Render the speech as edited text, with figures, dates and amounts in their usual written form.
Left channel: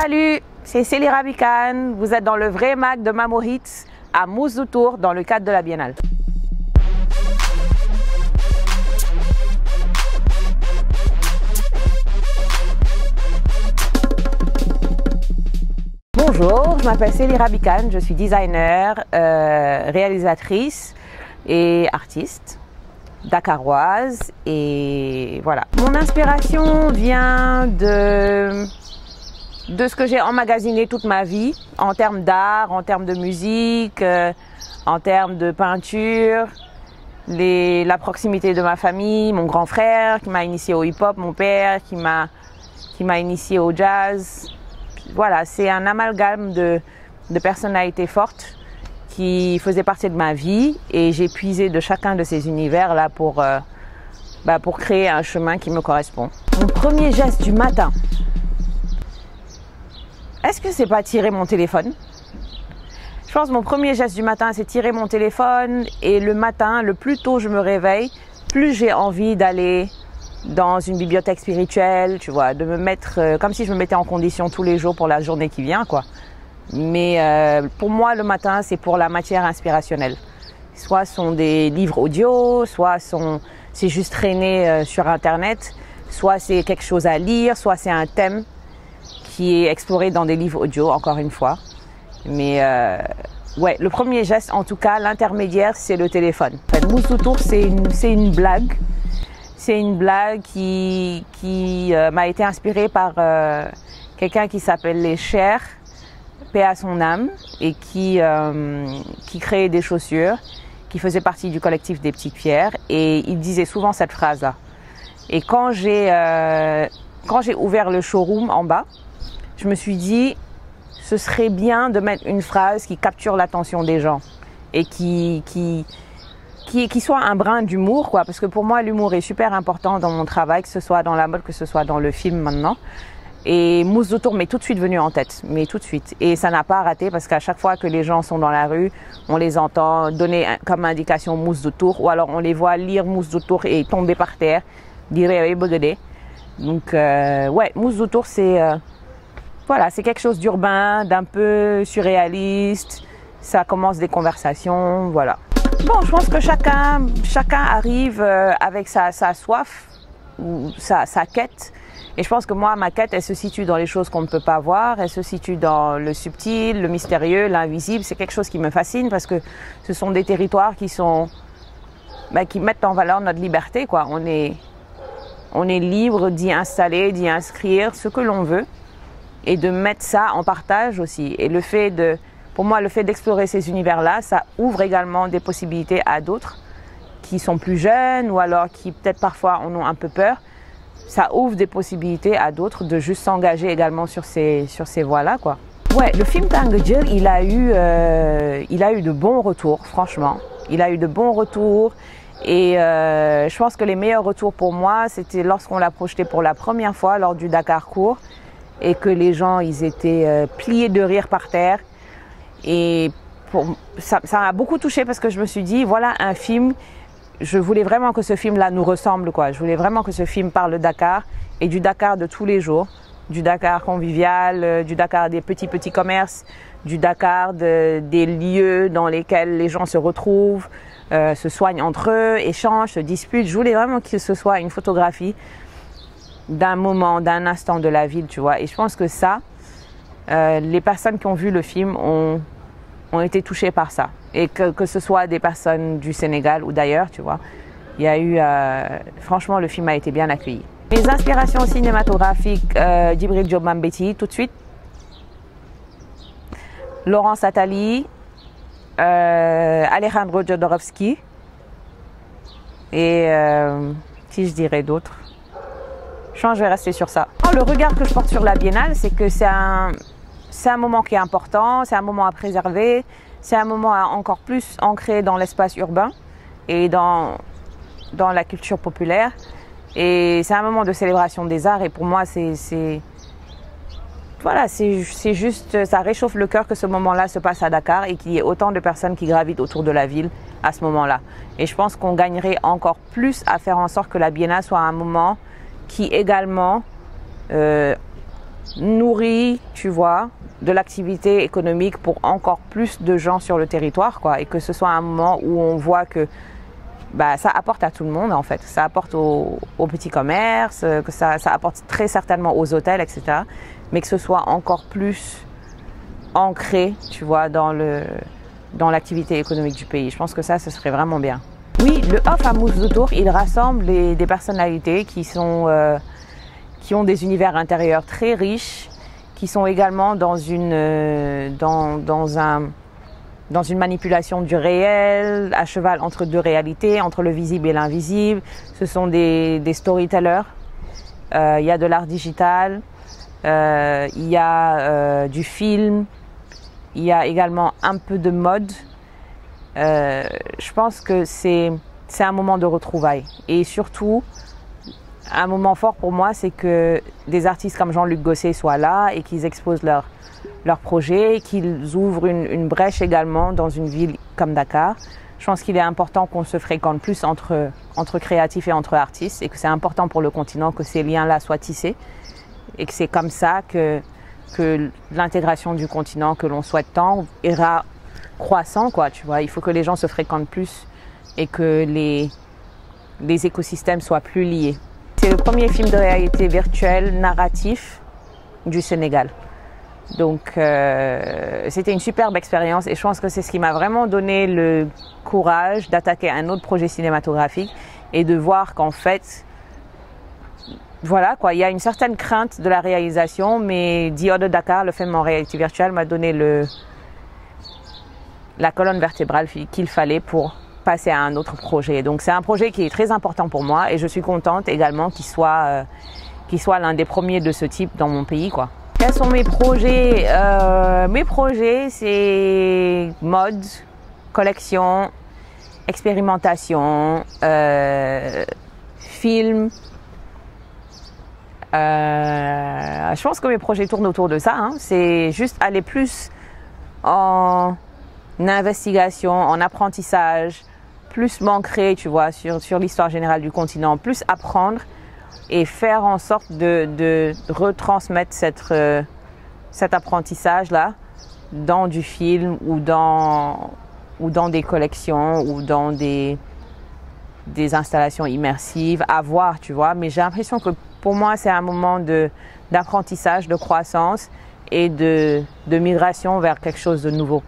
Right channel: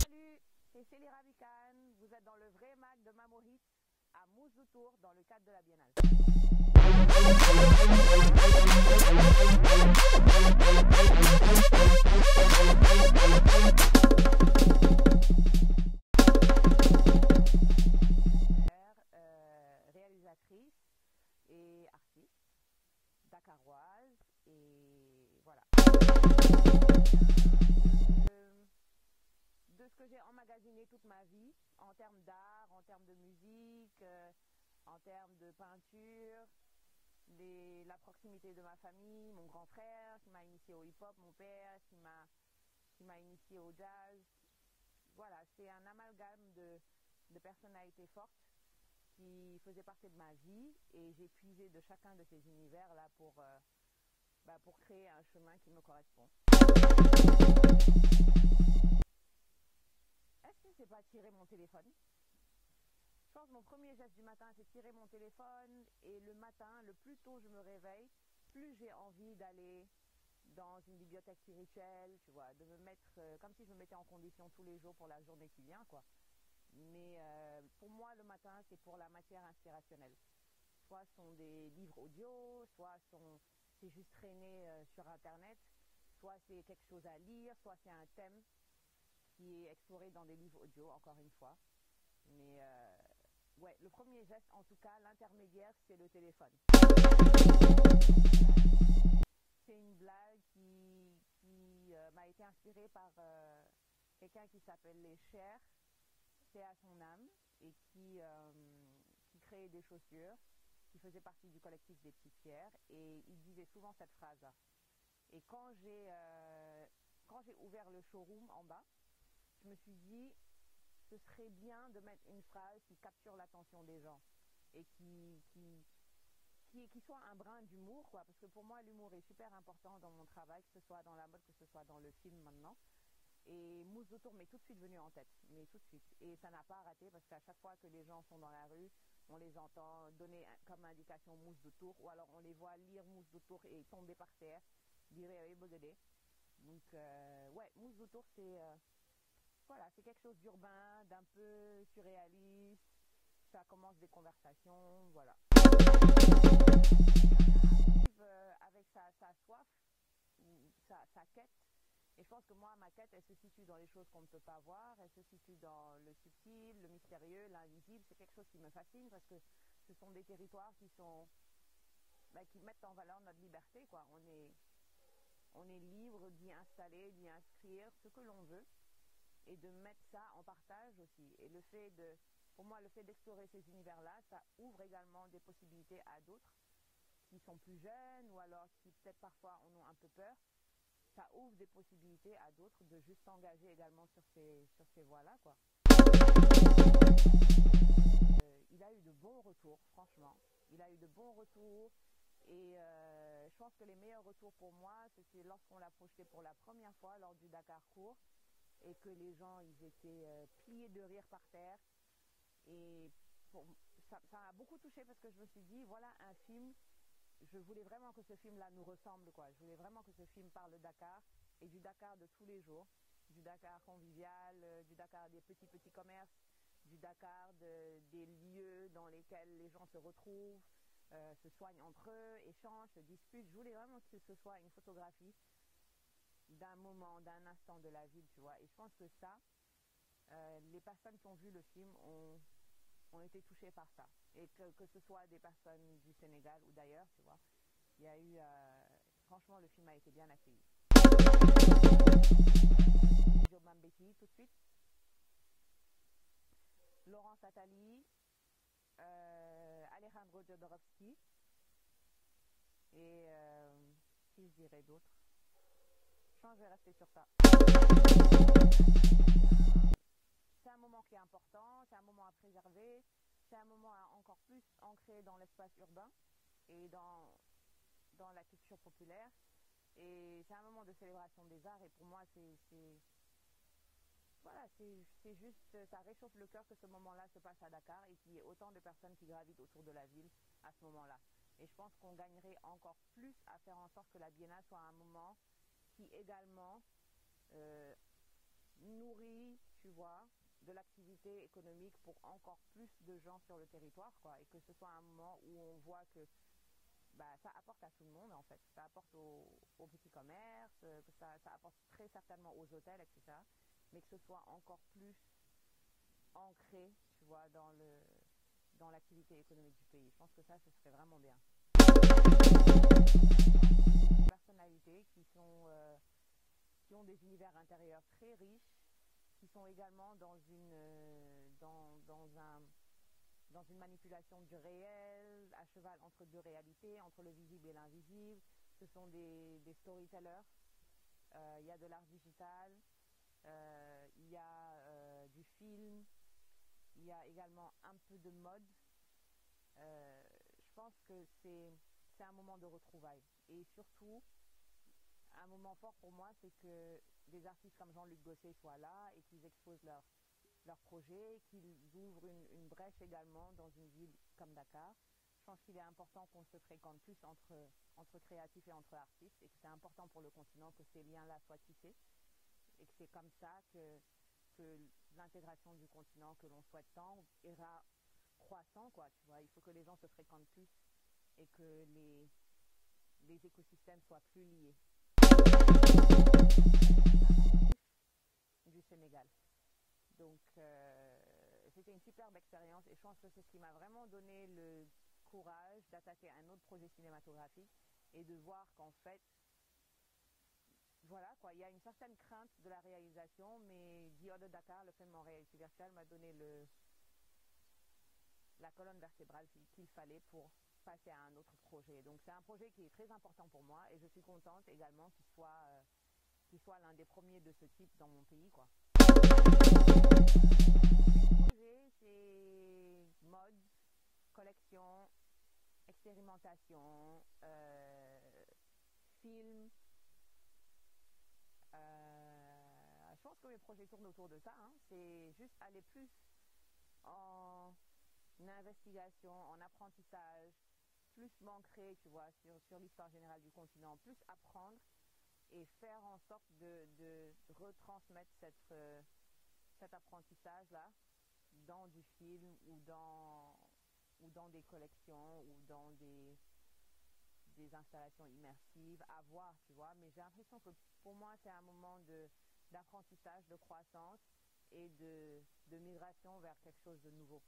Salut, c'est Célie Rabican. Vous êtes dans le vrai mag de Mamo Hits à Mousse du Tour dans le cadre de la Biennale. Bonjour, je m'appelle Célie Rabican, je suis designer, réalisatrice et artiste dakaroise et voilà. Mon inspiration vient de ce que j'ai emmagasiné toute ma vie en termes d'art, en termes de musique, en termes de peinture, la proximité de ma famille, mon grand frère qui m'a initié au hip-hop, mon père qui m'a initié au jazz. Voilà, c'est un amalgame de personnalités fortes qui faisaient partie de ma vie et j'ai puisé de chacun de ces univers-là pour créer un chemin qui me correspond. Mon premier geste du matin, est-ce que c'est pas tirer mon téléphone? Je pense que mon premier geste du matin, c'est tirer mon téléphone et le matin, le plus tôt je me réveille, plus j'ai envie d'aller dans une bibliothèque spirituelle, tu vois, de me mettre comme si je me mettais en condition tous les jours pour la journée qui vient, quoi. Mais pour moi, le matin, c'est pour la matière inspirationnelle. Soit ce sont des livres audio, soit c'est juste traîner sur Internet, soit c'est quelque chose à lire, soit c'est un thème qui est exploré dans des livres audio, encore une fois. Mais ouais, le premier geste, en tout cas, l'intermédiaire, c'est le téléphone. Mousse du Tour, c'est une blague. C'est une blague qui m'a été inspirée par quelqu'un qui s'appelle Les Chers, paix à son âme, et qui créait des chaussures, qui faisait partie du collectif des Petites Pierres. Et il disait souvent cette phrase-là. Et quand j'ai ouvert le showroom en bas, je me suis dit, ce serait bien de mettre une phrase qui capture l'attention des gens et qui soit un brin d'humour, quoi. Parce que pour moi, l'humour est super important dans mon travail, que ce soit dans la mode, que ce soit dans le film maintenant. Et Mousse du Tour m'est tout de suite venu en tête, mais tout de suite. Et ça n'a pas raté parce qu'à chaque fois que les gens sont dans la rue, on les entend donner comme indication Mousse du Tour, ou alors on les voit lire Mousse du Tour et tomber par terre, dire Bogedé. Donc ouais, Mousse du Tour, c'est voilà, c'est quelque chose d'urbain, d'un peu surréaliste. Ça commence des conversations, voilà. Bon, je pense que chacun arrive avec sa soif ou sa quête. Et je pense que moi, ma quête, elle se situe dans les choses qu'on ne peut pas voir. Elle se situe dans le subtil, le mystérieux, l'invisible. C'est quelque chose qui me fascine parce que ce sont des territoires qui mettent en valeur notre liberté, quoi. On est libre d'y installer, d'y inscrire ce que l'on veut et de mettre ça en partage aussi. Et pour moi, le fait d'explorer ces univers-là, ça ouvre également des possibilités à d'autres qui sont plus jeunes ou alors qui peut-être parfois en ont un peu peur. Ça ouvre des possibilités à d'autres de juste s'engager également sur ces voies-là, quoi. Ouais, le film Tangedjir, il a eu de bons retours, franchement. Il a eu de bons retours et je pense que les meilleurs retours pour moi, c'était lorsqu'on l'a projeté pour la première fois lors du Dakar Court et que les gens, ils étaient pliés de rire par terre. Et ça m'a beaucoup touchée parce que je me suis dit, voilà un film, je voulais vraiment que ce film-là nous ressemble, quoi. Je voulais vraiment que ce film parle de Dakar et du Dakar de tous les jours, du Dakar convivial, du Dakar des petits commerces, du Dakar des lieux dans lesquels les gens se retrouvent, se soignent entre eux, échangent, se disputent. Je voulais vraiment que ce soit une photographie d'un moment, d'un instant de la ville, tu vois. Et je pense que ça, les personnes qui ont vu le film ont été touchées par ça. Et que ce soit des personnes du Sénégal ou d'ailleurs, tu vois. Il y a eu... franchement, le film a été bien accueilli. Mes inspirations cinématographiques, Djibril Diop Mambéty, tout de suite. Laurence Attali, Alejandro Jodorowsky. Et si je dirais d'autres. Je vais rester sur ça. Le regard que je porte sur la Biennale, c'est que c'est un moment qui est important, c'est un moment à préserver, c'est un moment à encore plus ancrer dans l'espace urbain et dans la culture populaire. Et c'est un moment de célébration des arts et pour moi, voilà, c'est juste, ça réchauffe le cœur que ce moment-là se passe à Dakar et qu'il y ait autant de personnes qui gravitent autour de la ville à ce moment-là. Et je pense qu'on gagnerait encore plus à faire en sorte que la Biennale soit un moment qui également nourrit, tu vois, de l'activité économique pour encore plus de gens sur le territoire, quoi, et que ce soit un moment où on voit que ça apporte à tout le monde, en fait. Ça apporte aux petits commerces, que ça apporte très certainement aux hôtels, etc. Mais que ce soit encore plus ancré, tu vois, dans l'activité économique du pays. Je pense que ça, ce serait vraiment bien. Oui, le Off à Mousse de Tours, il rassemble des personnalités qui ont des univers intérieurs très riches, qui sont également dans une manipulation du réel, à cheval entre deux réalités, entre le visible et l'invisible. Ce sont des storytellers. Il y a de l'art digital, il y a du film, il y a également un peu de mode. Je pense que c'est un moment de retrouvailles. Et surtout, un moment fort pour moi, c'est que des artistes comme Jean-Luc Gosset soient là et qu'ils exposent leurs projets, qu'ils ouvrent une brèche également dans une ville comme Dakar. Je pense qu'il est important qu'on se fréquente plus entre créatifs et entre artistes, et que c'est important pour le continent que ces liens-là soient tissés, et que c'est comme ça que l'intégration du continent que l'on souhaite tant ira croissant, quoi, tu vois. Il faut que les gens se fréquentent plus et que les écosystèmes soient plus liés. C'est le premier film de réalité virtuelle narratif du Sénégal. Donc c'était une superbe expérience, et je pense que c'est ce qui m'a vraiment donné le courage d'attaquer un autre projet cinématographique et de voir qu'en fait, voilà quoi, il y a une certaine crainte de la réalisation, mais Dior de Dakar, le film en réalité virtuelle, m'a donné la colonne vertébrale qu'il fallait pour passer à un autre projet. Donc c'est un projet qui est très important pour moi, et je suis contente également qu'il soit l'un des premiers de ce type dans mon pays, quoi. Quels sont mes projets? Mes projets, c'est mode, collection, expérimentation, film. Je pense que mes projets tournent autour de ça, hein. C'est juste aller plus en investigation, en apprentissage, plus m'ancrer, tu vois, sur l'histoire générale du continent, plus apprendre et faire en sorte de retransmettre cet apprentissage-là dans du film ou dans des collections ou dans des installations immersives, à voir, tu vois. Mais j'ai l'impression que pour moi, c'est un moment d'apprentissage, de croissance et de migration vers quelque chose de nouveau.